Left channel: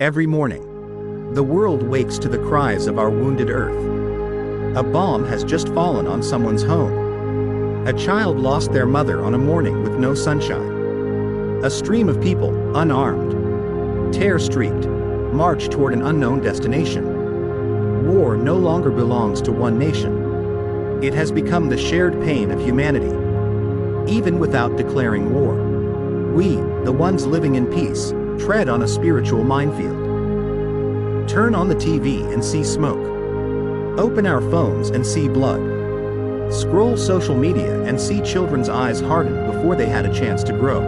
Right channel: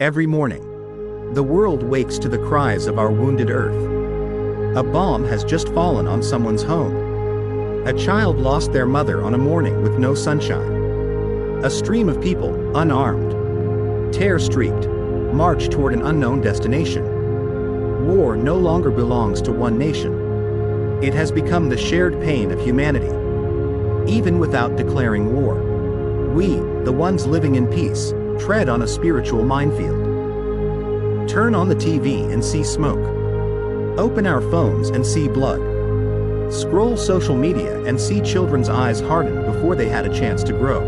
Every morning, the world wakes to the cries of our wounded earth. A bomb has just fallen on someone's home. A child lost their mother on a morning with no sunshine. A stream of people, unarmed, tear-streaked, march toward an unknown destination. War no longer belongs to one nation. It has become the shared pain of humanity. Even without declaring war, we, the ones living in peace, tread on a spiritual minefield. Turn on the TV and see smoke. Open our phones and see blood. Scroll social media and see children's eyes harden before they had a chance to grow.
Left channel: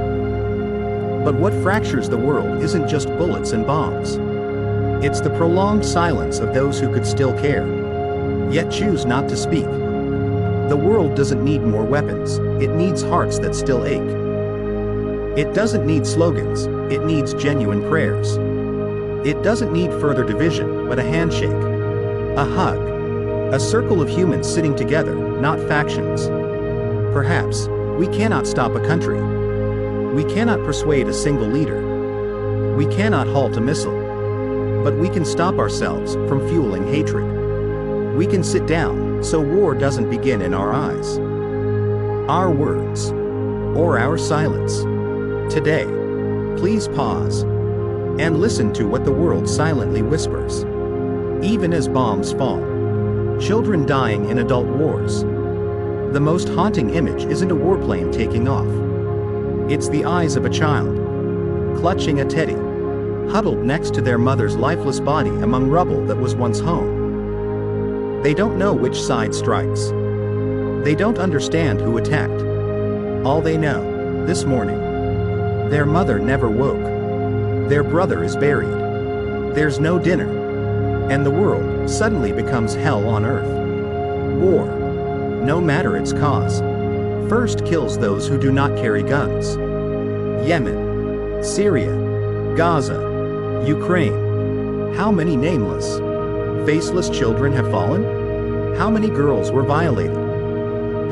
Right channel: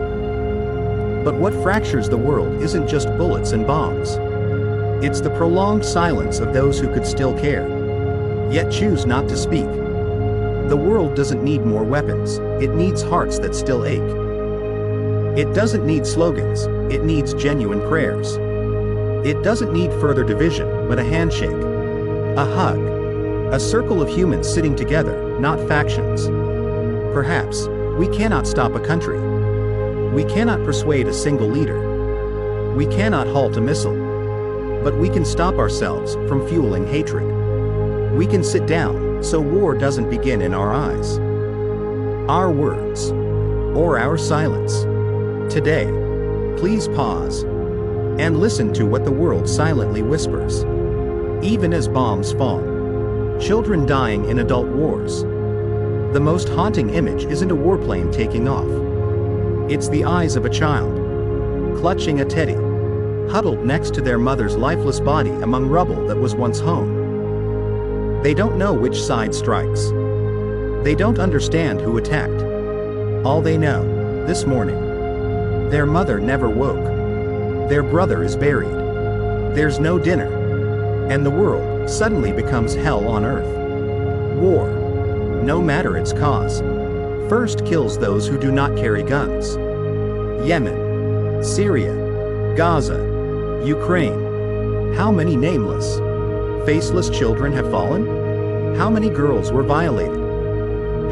But what fractures the world isn't just bullets and bombs. It's the prolonged silence of those who could still care, yet choose not to speak. The world doesn't need more weapons, it needs hearts that still ache. It doesn't need slogans, it needs genuine prayers. It doesn't need further division, but a handshake, a hug, a circle of humans sitting together, not factions. Perhaps, we cannot stop a country. We cannot persuade a single leader. We cannot halt a missile. But we can stop ourselves from fueling hatred. We can sit down, so war doesn't begin in our eyes. Our words, or our silence. Today, please pause and listen to what the world silently whispers. Even as bombs fall, children dying in adult wars. The most haunting image isn't a warplane taking off. It's the eyes of a child, clutching a teddy, huddled next to their mother's lifeless body among rubble that was once home. They don't know which side strikes. They don't understand who attacked. All they know, this morning, their mother never woke. Their brother is buried. There's no dinner. And the world suddenly becomes hell on earth. War, no matter its cause, first kills those who do not carry guns. Yemen, Syria, Gaza, Ukraine. How many nameless, faceless children have fallen? How many girls were violated?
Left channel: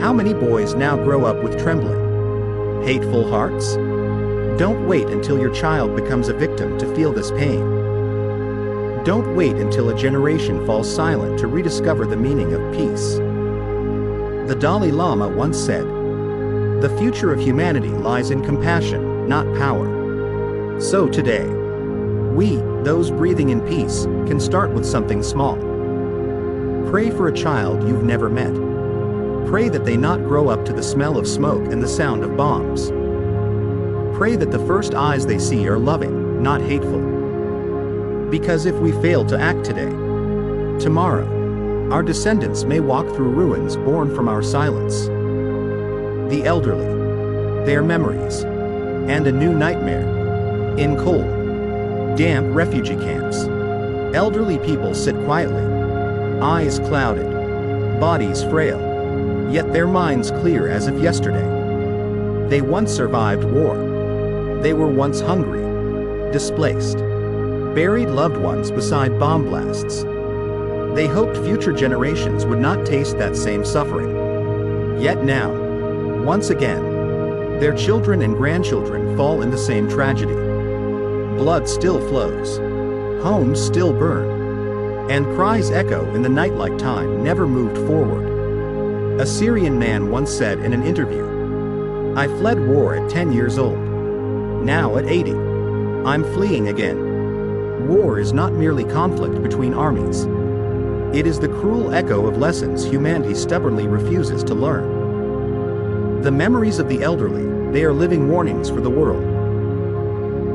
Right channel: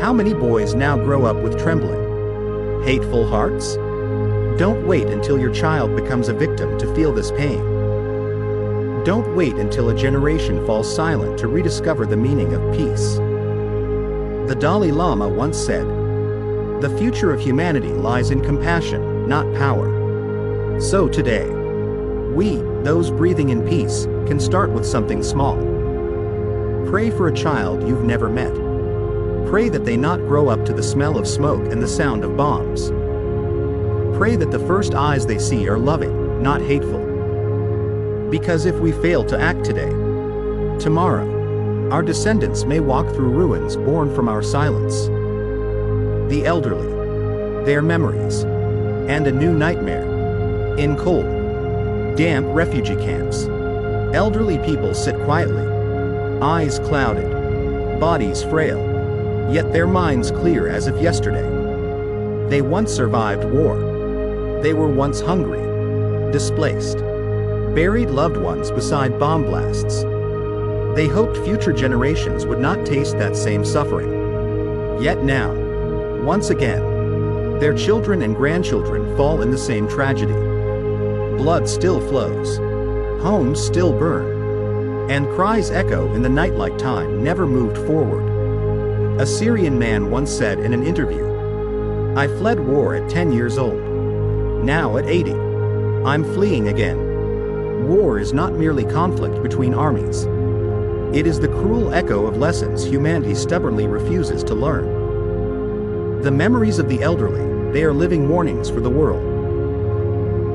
How many boys now grow up with trembling, hateful hearts? Don't wait until your child becomes a victim to feel this pain. Don't wait until a generation falls silent to rediscover the meaning of peace. The Dalai Lama once said, "The future of humanity lies in compassion, not power." So today, we, those breathing in peace, can start with something small. Pray for a child you've never met. Pray that they not grow up to the smell of smoke and the sound of bombs. Pray that the first eyes they see are loving, not hateful. Because if we fail to act today, tomorrow, our descendants may walk through ruins born from our silence. The elderly, their memories, and a new nightmare. In cold, damp refugee camps, elderly people sit quietly, eyes clouded, bodies frail, yet their minds clear as of yesterday. They once survived war. They were once hungry, displaced, buried loved ones beside bomb blasts. They hoped future generations would not taste that same suffering. Yet now, once again, their children and grandchildren fall in the same tragedy. Blood still flows, homes still burn, and cries echo in the night like time never moved forward. A Syrian man once said in an interview, "I fled war at 10 years old. Now at 80, I'm fleeing again." War is not merely conflict between armies. It is the cruel echo of lessons humanity stubbornly refuses to learn. The memories of the elderly, they are living warnings for the world.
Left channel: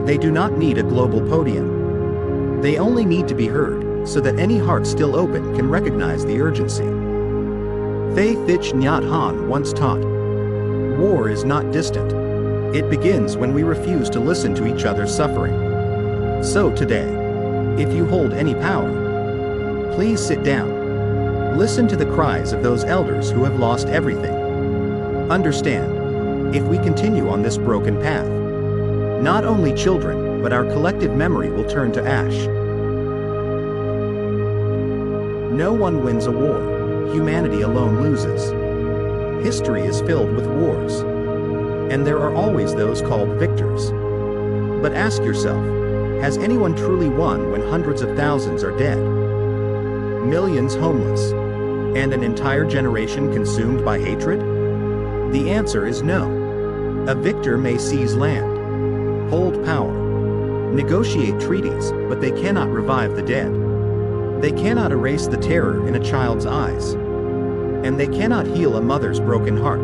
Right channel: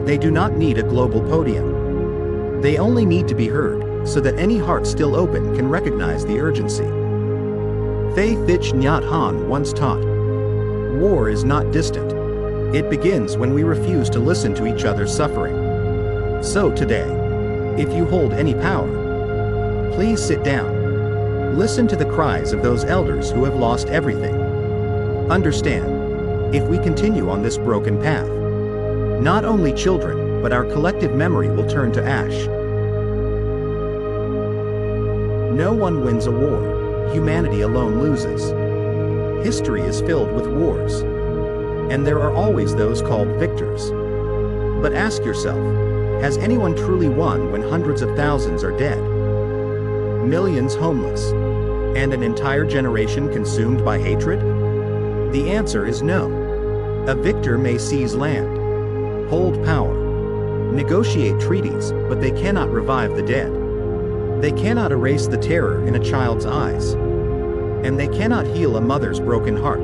They do not need a global podium. They only need to be heard, so that any heart still open can recognize the urgency. Thay Thich Nhat Hanh once taught, "War is not distant. It begins when we refuse to listen to each other's suffering." So today, if you hold any power, please sit down. Listen to the cries of those elders who have lost everything. Understand, if we continue on this broken path, not only children, but our collective memory will turn to ash. No one wins a war. Humanity alone loses. History is filled with wars. And there are always those called victors. But ask yourself, Has anyone truly won when hundreds of thousands are dead? Millions homeless? And an entire generation consumed by hatred? The answer is no. A victor may seize land, hold power, negotiate treaties, but they cannot revive the dead. They cannot erase the terror in a child's eyes. And they cannot heal a mother's broken heart.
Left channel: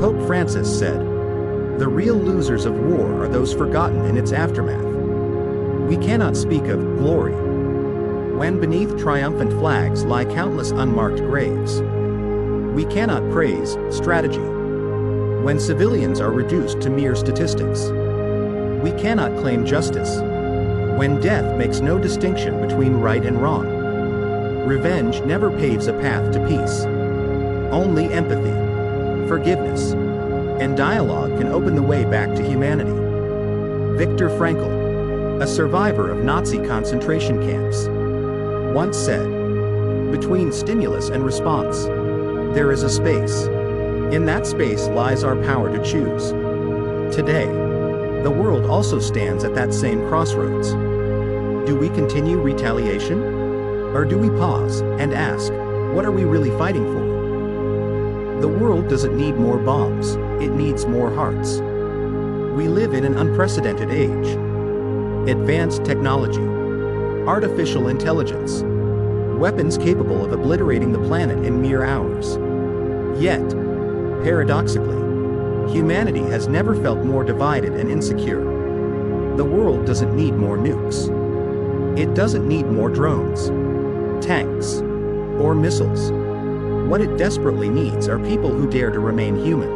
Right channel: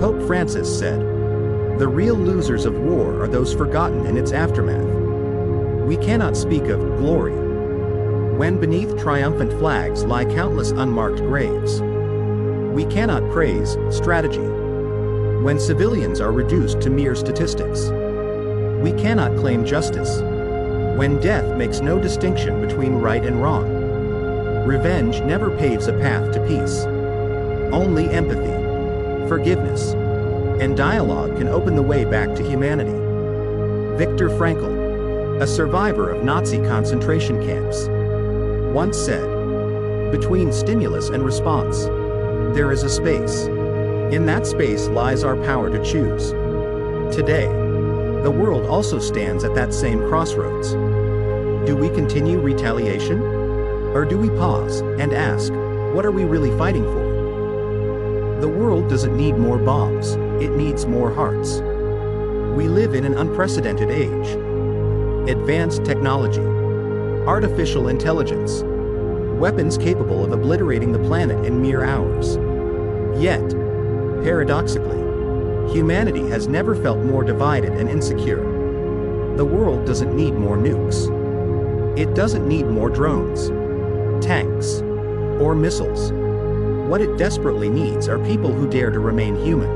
Pope Francis said, "The real losers of war are those forgotten in its aftermath." We cannot speak of glory when beneath triumphant flags lie countless unmarked graves. We cannot praise strategy when civilians are reduced to mere statistics. We cannot claim justice when death makes no distinction between right and wrong. Revenge never paves a path to peace. Only empathy, forgiveness, and dialogue can open the way back to humanity. Viktor Frankl, a survivor of Nazi concentration camps, once said, "Between stimulus and response, there is a space. In that space lies our power to choose." Today, the world also stands at that same crossroads. Do we continue retaliation? Or do we pause and ask, what are we really fighting for? The world doesn't need more bombs, it needs more hearts. We live in an unprecedented age. Advanced technology, artificial intelligence, weapons capable of obliterating the planet in mere hours. Yet, paradoxically, humanity has never felt more divided and insecure. The world doesn't need more nukes. It doesn't need more drones, tanks, or missiles. What it desperately needs are people who dare to remain human.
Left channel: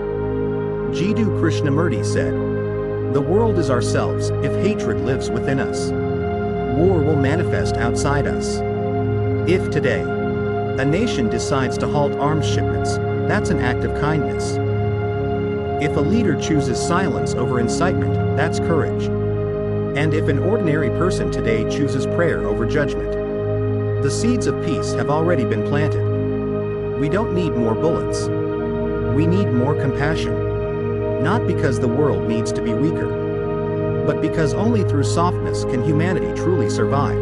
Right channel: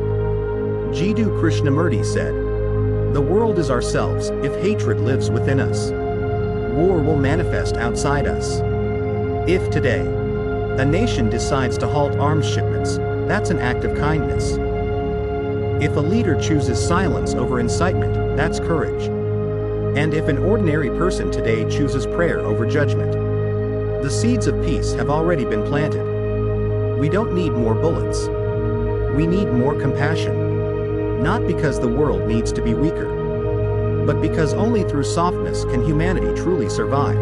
Jiddu Krishnamurti said, "The world is ourselves if hatred lives within us. War will manifest outside us." If today, a nation decides to halt arms shipments, that's an act of kindness. If a leader chooses silence over incitement, that's courage. And if an ordinary person today chooses prayer over judgment, the seeds of peace have already been planted. We don't need more bullets. We need more compassion. Not because the world needs to be weaker, but because only through softness can humanity truly survive.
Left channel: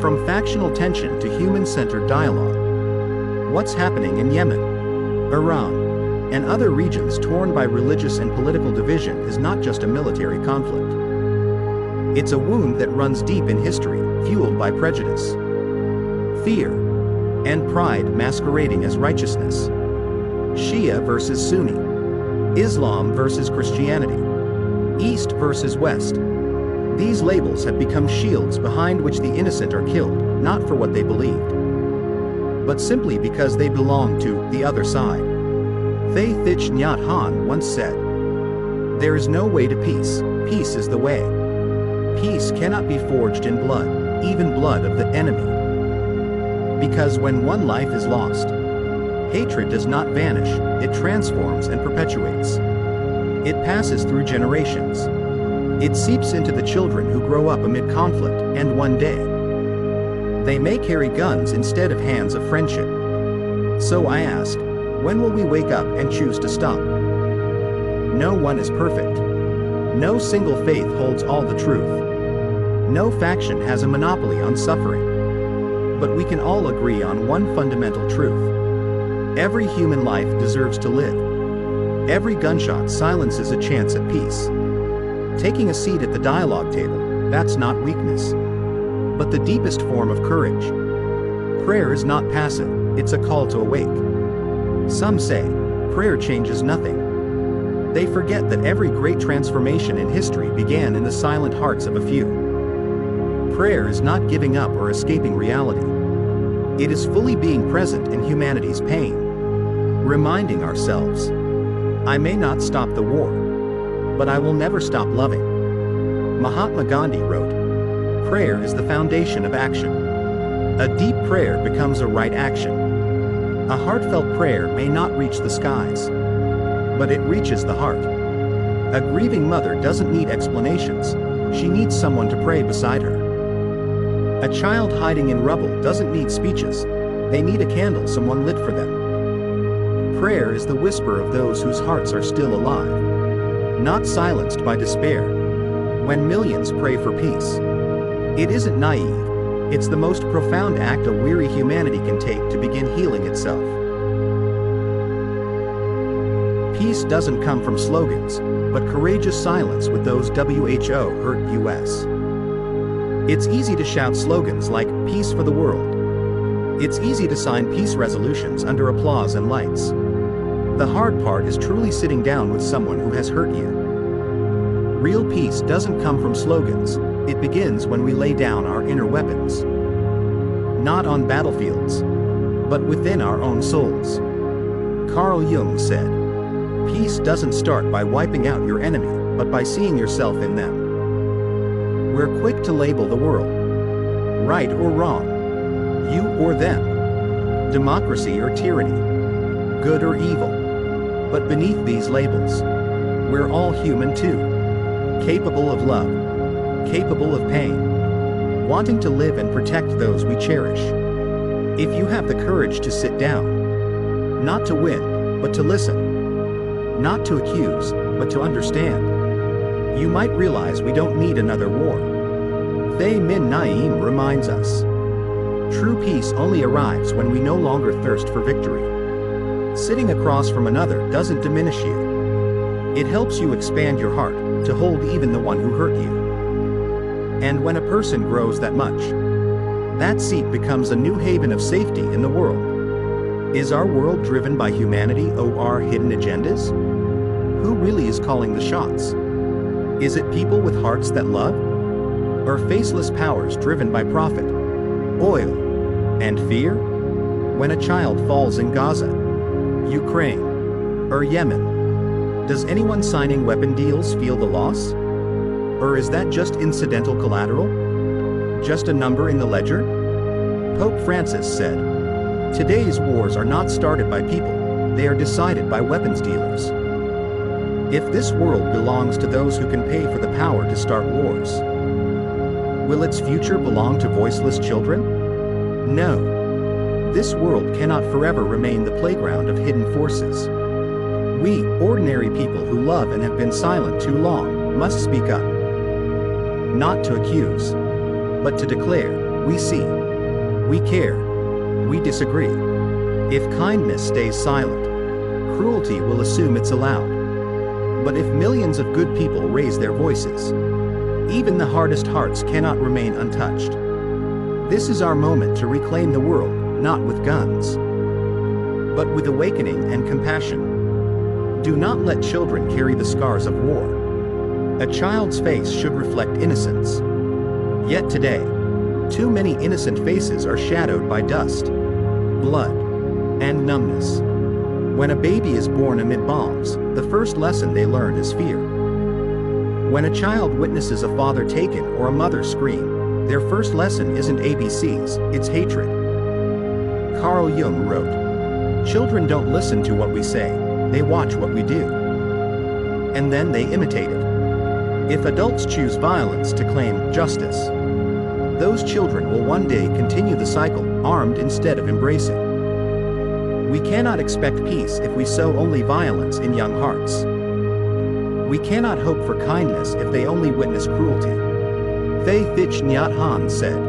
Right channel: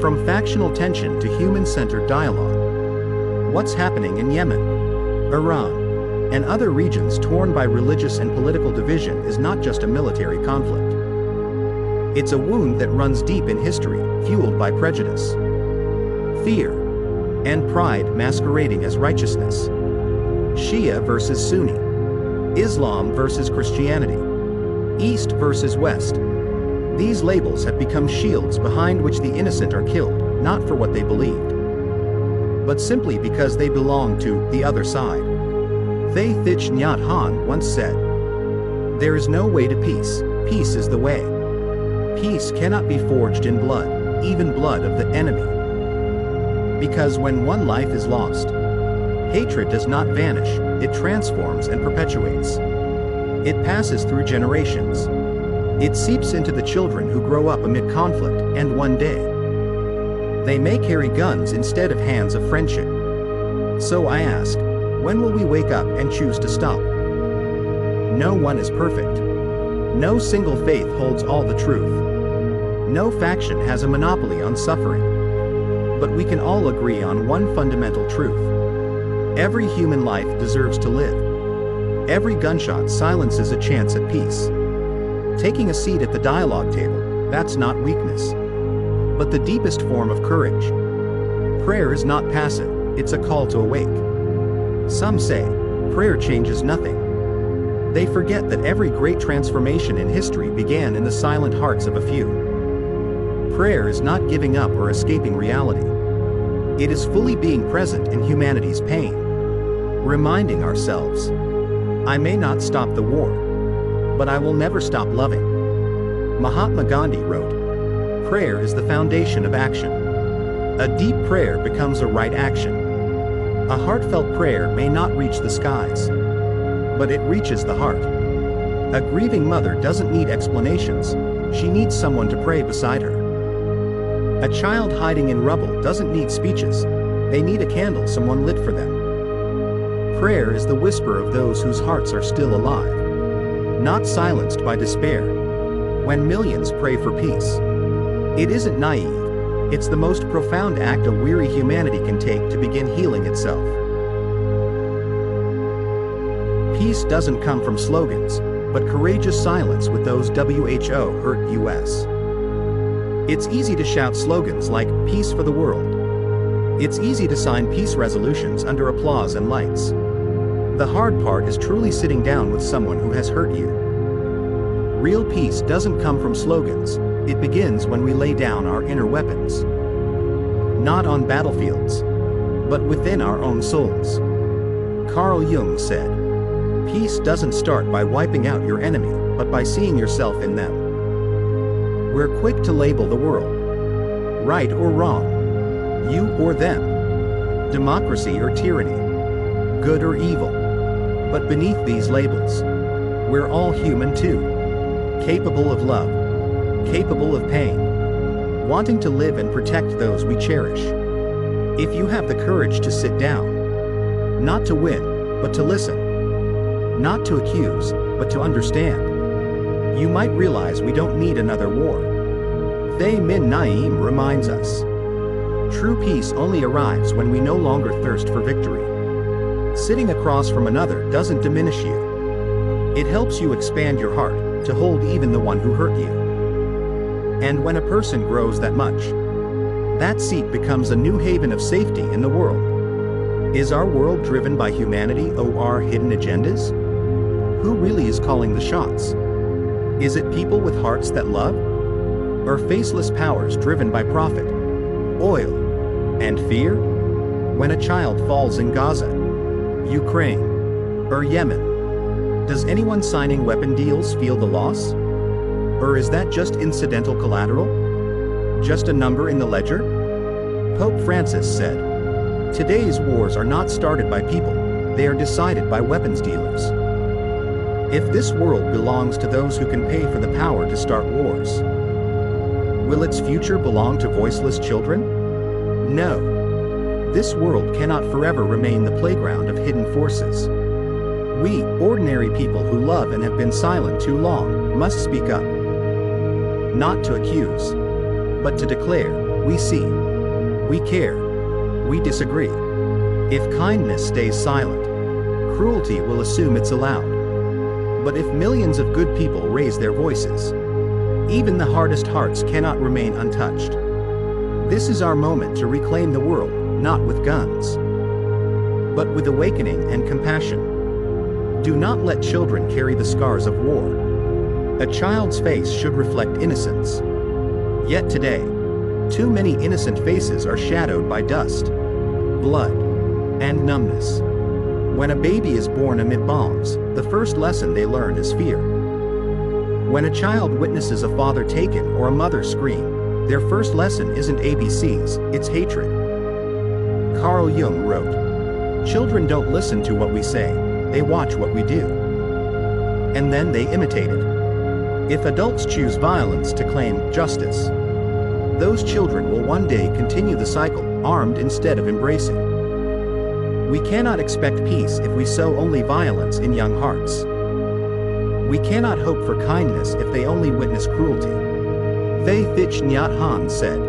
From factional tension to human-centered dialogue. What's happening in Yemen, Iran, and other regions torn by religious and political division is not just a military conflict. It's a wound that runs deep in history, fueled by prejudice, fear, and pride masquerading as righteousness. Shia versus Sunni, Islam versus Christianity, East versus West. These labels have become shields behind which the innocent are killed, not for what they believed, but simply because they belong to the other side. Thay Thich Nhat Hanh once said, "There is no way to peace, peace is the way." Peace cannot be forged in blood, even blood of the enemy. Because when one life is lost, hatred does not vanish, it transforms and perpetuates. It passes through generations. It seeps into the children who grow up amid conflict, and one day, they may carry guns instead of hands of friendship. So I ask, when will we wake up and choose to stop? No one is perfect. No single faith holds all the truth. No faction has a monopoly on suffering. But we can all agree on one fundamental truth. Every human life deserves to live. Every gunshot silences a chance at peace. Taking a seat at the dialogue table, that's not weakness, but the deepest form of courage. Prayer is not passive, it's a call to awake. Some say, prayer changes nothing. They forget that every great transformation in history began in the silent hearts of a few. Prayer is not giving up or escaping reality. It is fully being present in humanity's pain. Reminding ourselves, I may not stop the war, but I will never stop loving. Mahatma Gandhi wrote, "Prayer is the foundation of action." A deep prayer becomes a right action. A heartfelt prayer may not reach the skies, but it reaches the heart. A grieving mother doesn't need explanations, she needs someone to pray beside her. A child hiding in rubble doesn't need speeches, they need a candle someone lit for them. Prayer is the whisper of those whose hearts are still alive, not silenced by despair. when millions pray for peace. It isn't naive, it's the most profound act a weary humanity can take to begin healing itself. Peace doesn't come from slogans, but courageous silence with those WHO hurt us. It's easy to shout slogans like "Peace for the world." It's easy to sign peace resolutions under applause and lights. The hard part is truly sitting down with someone who has hurt you. Real peace doesn't come from slogans, it begins when we lay down our inner weapons. Not on battlefields, but within our own souls. Carl Jung said, "Peace doesn't start by wiping out your enemy, but by seeing yourself in them." We're quick to label the world. Right or wrong. You or them. Democracy or tyranny. Good or evil. But beneath these labels, we're all human too. Capable of love. Capable of pain. Wanting to live and protect those we cherish. If you have the courage to sit down. Not to win, but to listen. Not to accuse, but to understand. You might realize we don't need another war. Thay Min Naeem reminds us. True peace only arrives when we no longer thirst for victory. Sitting across from another doesn't diminish you. It helps you expand your heart to hold even the one who hurt you. And when a person grows that much, that seat becomes a new haven of safety in the world. Is our world driven by humanity or hidden agendas? Who really is calling the shots? Is it people with hearts that love? Or faceless powers driven by profit, oil, and fear? When a child falls in Gaza, Ukraine, or Yemen, does anyone signing weapon deals feel the loss? Or is that just incidental collateral? Just a number in the ledger? Pope Francis said, "Today's wars are not started by people, they are decided by weapons dealers." If this world belongs to those who can pay for the power to start wars, will its future belong to voiceless children? No. This world cannot forever remain the playground of hidden forces. We, ordinary people who love and have been silent too long, must speak up. Not to accuse, but to declare, we see, we care, we disagree. If kindness stays silent, cruelty will assume it's allowed. But if millions of good people raise their voices, even the hardest hearts cannot remain untouched. This is our moment to reclaim the world, not with guns, but with awakening and compassion. Do not let children carry the scars of war. A child's face should reflect innocence. Yet today, too many innocent faces are shadowed by dust, blood, and numbness. When a baby is born amid bombs, the first lesson they learn is fear. When a child witnesses a father taken or a mother scream, their first lesson isn't ABCs, it's hatred. Carl Jung wrote, "Children don't listen to what we say, they watch what we do. And then they imitate it." If adults choose violence to claim justice, those children will one day continue the cycle, armed instead of embracing. We cannot expect peace if we sow only violence in young hearts. We cannot hope for kindness if they only witness cruelty. Thay Thich Nhat Hanh said,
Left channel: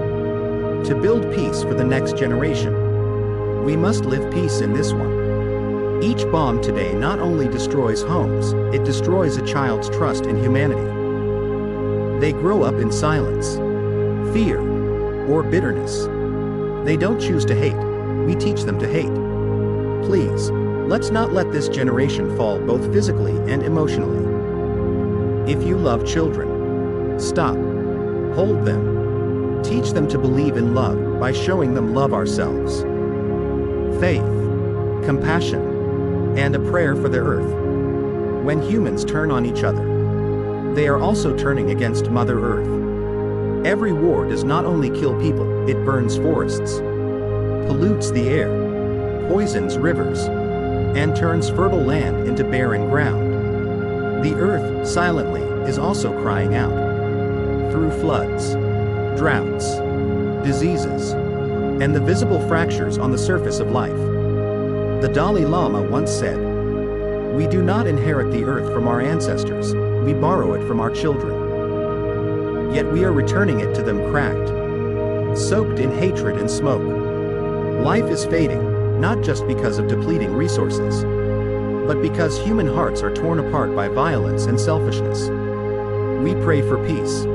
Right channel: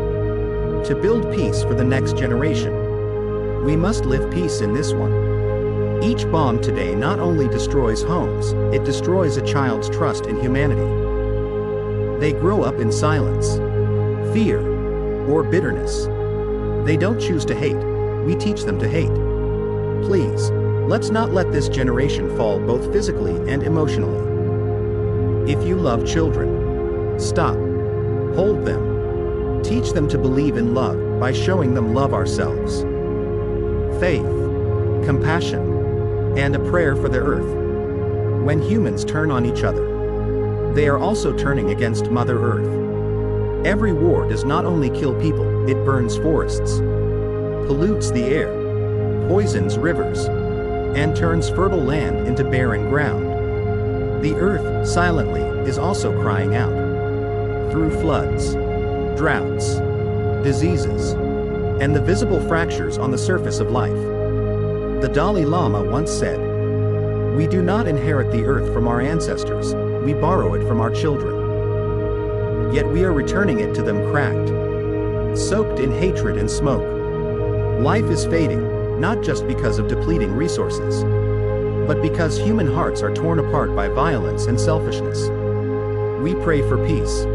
"To build peace for the next generation, we must live peace in this one." Each bomb today not only destroys homes, it destroys a child's trust in humanity. They grow up in silence, fear, or bitterness. They don't choose to hate, we teach them to hate. Please, let's not let this generation fall both physically and emotionally. If you love children, stop, hold them, teach them to believe in love by showing them love ourselves. Faith, compassion, and a prayer for the earth. When humans turn on each other, they are also turning against Mother Earth. Every war does not only kill people, it burns forests, pollutes the air, poisons rivers, and turns fertile land into barren ground. The earth, silently, is also crying out. Through floods, droughts, diseases, and the visible fractures on the surface of life. The Dalai Lama once said, "We do not inherit the earth from our ancestors, we borrow it from our children." Yet we are returning it to them cracked, soaked in hatred and smoke. Life is fading, not just because of depleting resources, but because human hearts are torn apart by violence and selfishness. We pray for peace,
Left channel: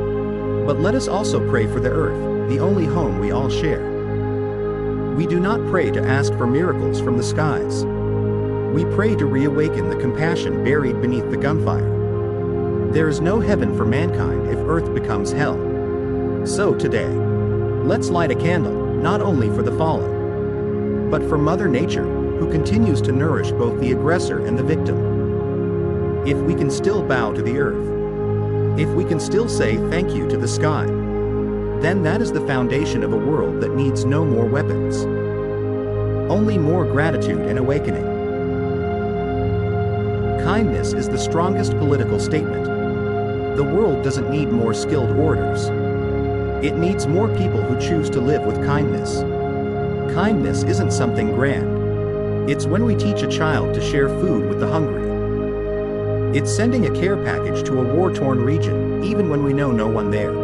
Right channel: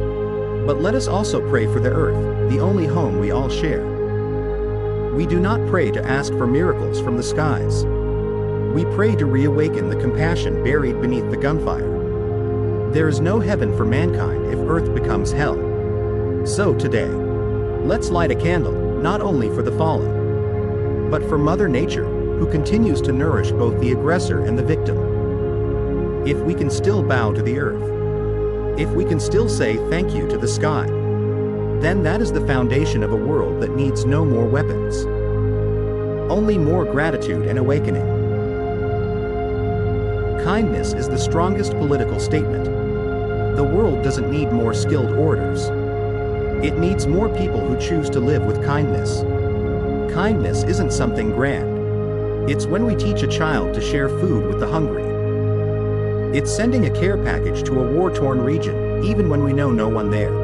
but let us also pray for the earth, the only home we all share. We do not pray to ask for miracles from the skies. We pray to reawaken the compassion buried beneath the gunfire. There is no heaven for mankind if earth becomes hell. So today, let's light a candle, not only for the fallen, but for Mother Nature, who continues to nourish both the aggressor and the victim. If we can still bow to the earth, if we can still say thank you to the sky, then that is the foundation of a world that needs no more weapons. Only more gratitude and awakening. Kindness is the strongest political statement. The world doesn't need more skilled orators. It needs more people who choose to live with kindness. Kindness isn't something grand. It's when we teach a child to share food with the hungry. It's sending a care package to a war-torn region, even when we know no one there.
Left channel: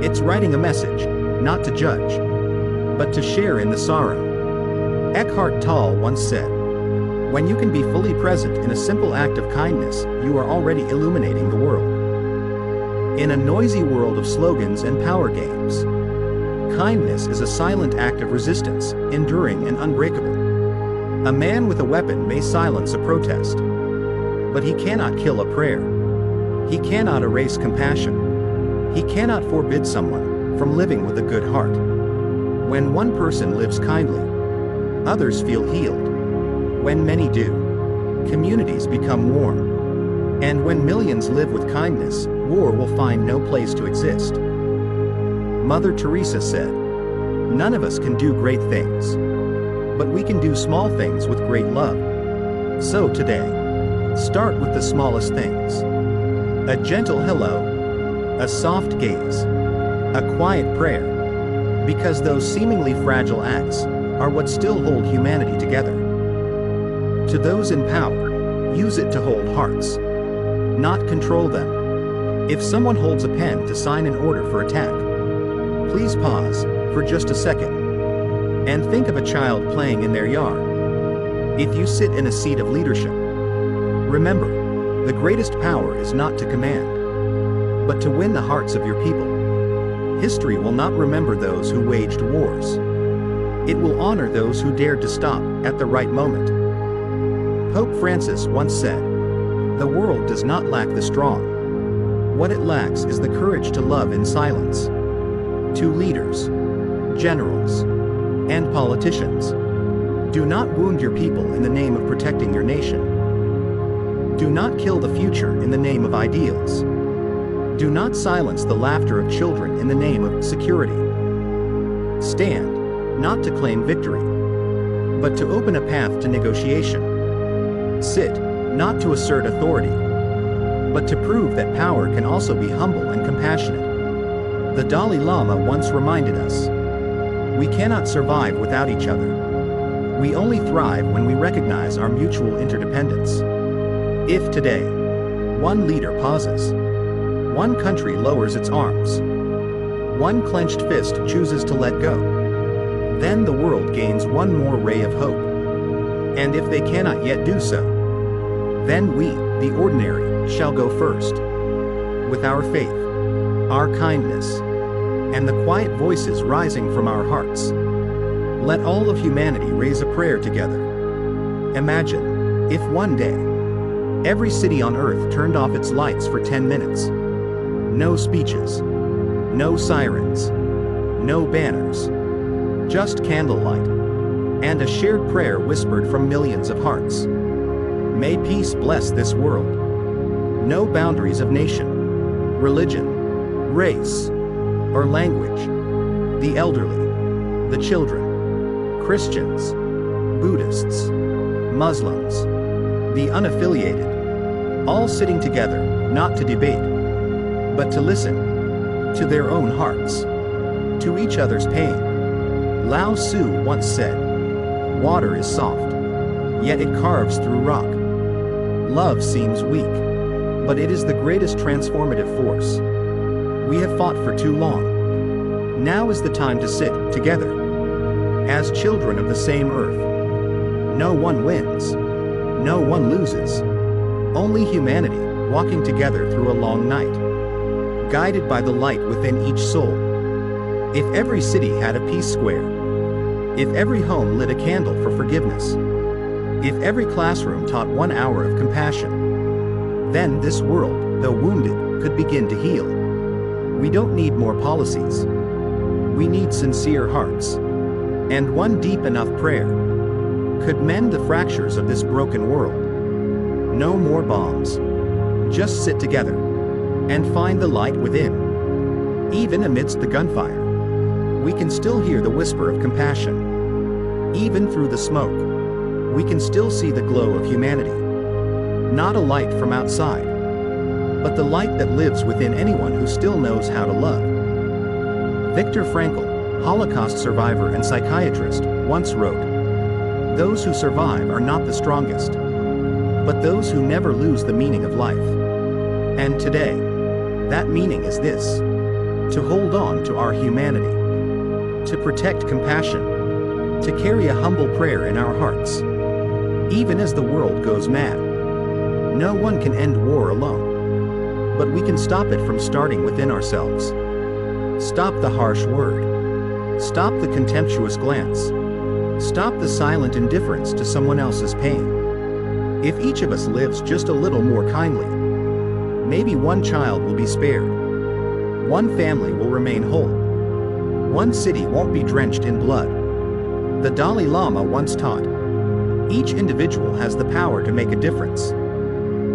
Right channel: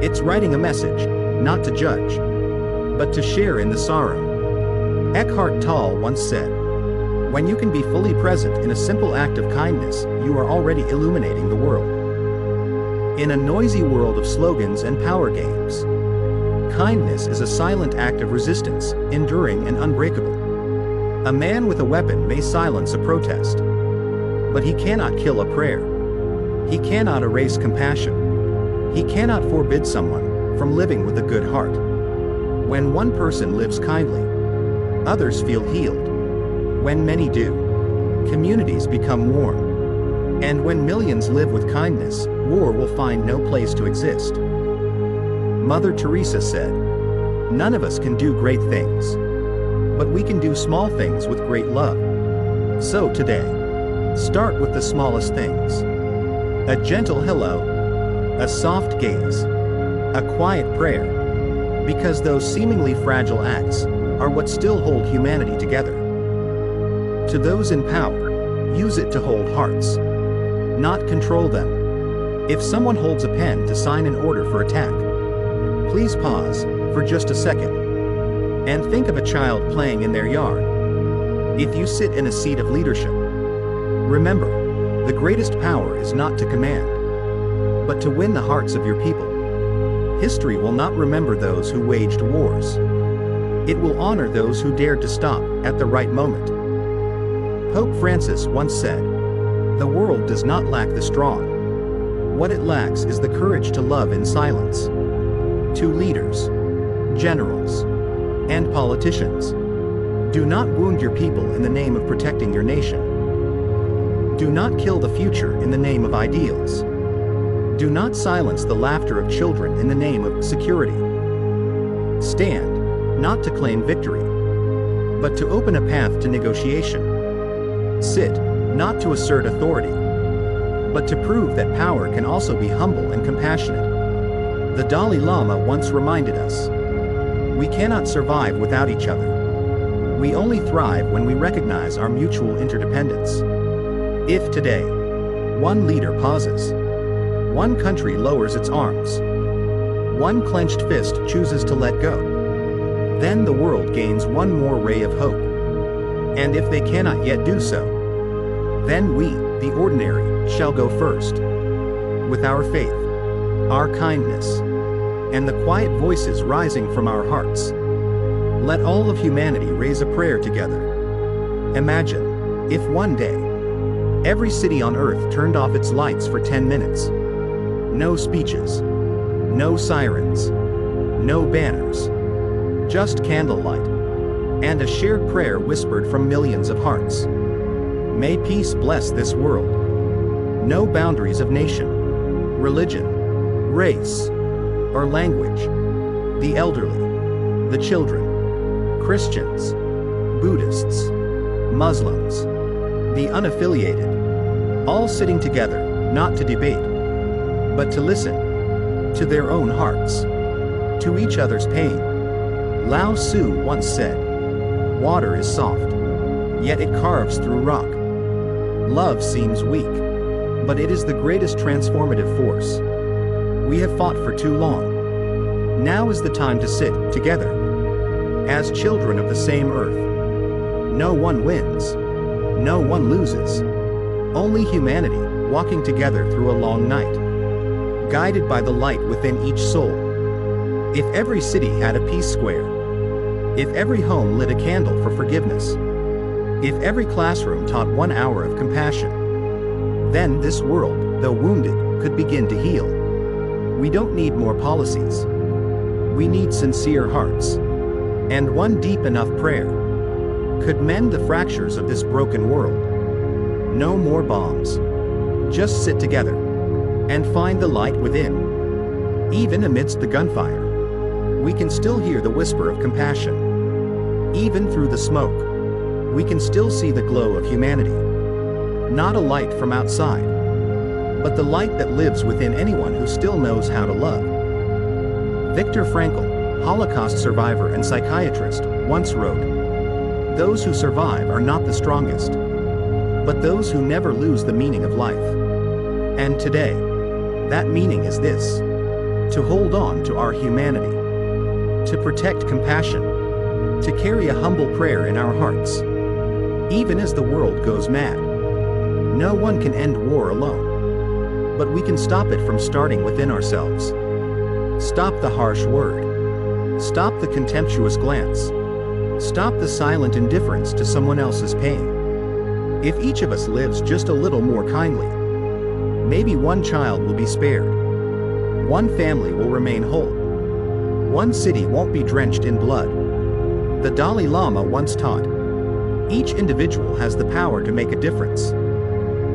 It's writing a message, not to judge, but to share in the sorrow. Eckhart Tolle once said, "When you can be fully present in a simple act of kindness, you are already illuminating the world." In a noisy world of slogans and power games, kindness is a silent act of resistance, enduring and unbreakable. A man with a weapon may silence a protest, but he cannot kill a prayer. He cannot erase compassion. He cannot forbid someone from living with a good heart. When one person lives kindly, others feel healed. When many do, communities become warm. And when millions live with kindness, war will find no place to exist. Mother Teresa said, "None of us can do great things, but we can do small things with great love." So today, start with the smallest things. A gentle hello, a soft gaze, a quiet prayer, because those seemingly fragile acts are what still hold humanity together. To those in power, use it to hold hearts, not control them. If someone holds a pen to sign an order for attack, please pause for just a second and think of a child playing in their yard. If you sit in a seat of leadership, remember, the greatest power is not to command, but to win the hearts of your people. History will not remember those who waged wars. It will honor those who dared to stop at the right moment. Pope Francis once said, "The world does not lack the strong. What it lacks is the courage to love in silence." To leaders, generals, and politicians, do not wound your people in the name of protecting your nation. Do not kill the future in the name of ideals. Do not silence the laughter of children in the name of security. Stand, not to claim victory, but to open a path to negotiation. Sit, not to assert authority, but to prove that power can also be humble and compassionate. The Dalai Lama once reminded us, "We cannot survive without each other. We only thrive when we recognize our mutual interdependence." If today, one leader pauses, one country lowers its arms, one clenched fist chooses to let go, then the world gains one more ray of hope. And if they cannot yet do so, then we, the ordinary, shall go first. With our faith, our kindness, and the quiet voices rising from our hearts, let all of humanity raise a prayer together. Imagine, if one day, every city on earth turned off its lights for 10 minutes. No speeches, no sirens, no banners, just candlelight, and a shared prayer whispered from millions of hearts. May peace bless this world. No boundaries of nation, religion, race, or language. The elderly, the children, Christians, Buddhists, Muslims, the unaffiliated, all sitting together, not to debate, but to listen, to their own hearts, to each other's pain. Lao Tzu once said, "Water is soft, yet it carves through rock. Love seems weak, but it is the greatest transformative force." We have fought for too long. Now is the time to sit together as children of the same earth. No one wins. No one loses. Only humanity, walking together through a long night, guided by the light within each soul. If every city had a peace square, if every home lit a candle for forgiveness, if every classroom taught 1 hour of compassion, then this world, though wounded, could begin to heal. We don't need more policies. We need sincere hearts. And one deep enough prayer could mend the fractures of this broken world. No more bombs. Just sit together and find the light within. Even amidst the gunfire, we can still hear the whisper of compassion. Even through the smoke, we can still see the glow of humanity. Not a light from outside, but the light that lives within anyone who still knows how to love. Viktor Frankl, Holocaust survivor and psychiatrist, once wrote, "Those who survive are not the strongest, but those who never lose the meaning of life." And today, that meaning is this: to hold on to our humanity, to protect compassion, to carry a humble prayer in our hearts, even as the world goes mad. No one can end war alone, but we can stop it from starting within ourselves. Stop the harsh word. Stop the contemptuous glance. Stop the silent indifference to someone else's pain. If each of us lives just a little more kindly, maybe one child will be spared. One family will remain whole. One city won't be drenched in blood. The Dalai Lama once taught, each individual has the power to make a difference.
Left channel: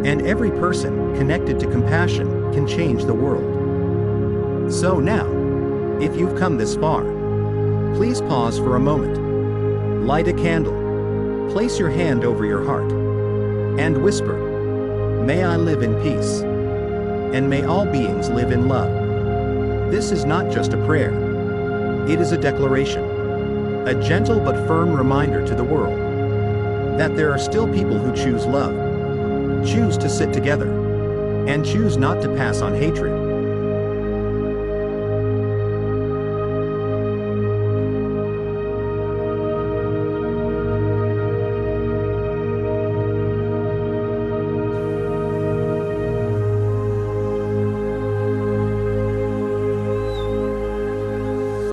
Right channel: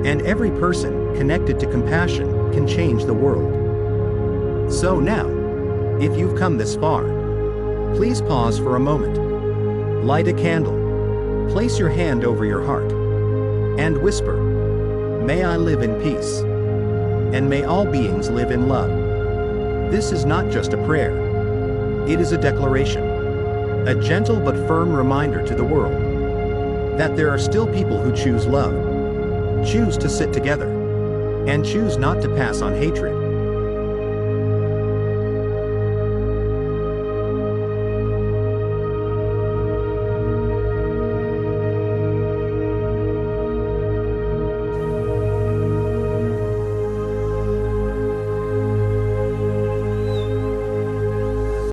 And every person connected to compassion can change the world. So now, if you've come this far, please pause for a moment. Light a candle. Place your hand over your heart. And whisper, "May I live in peace. And may all beings live in love." This is not just a prayer. It is a declaration. A gentle but firm reminder to the world that there are still people who choose love, choose to sit together, and choose not to pass on hatred.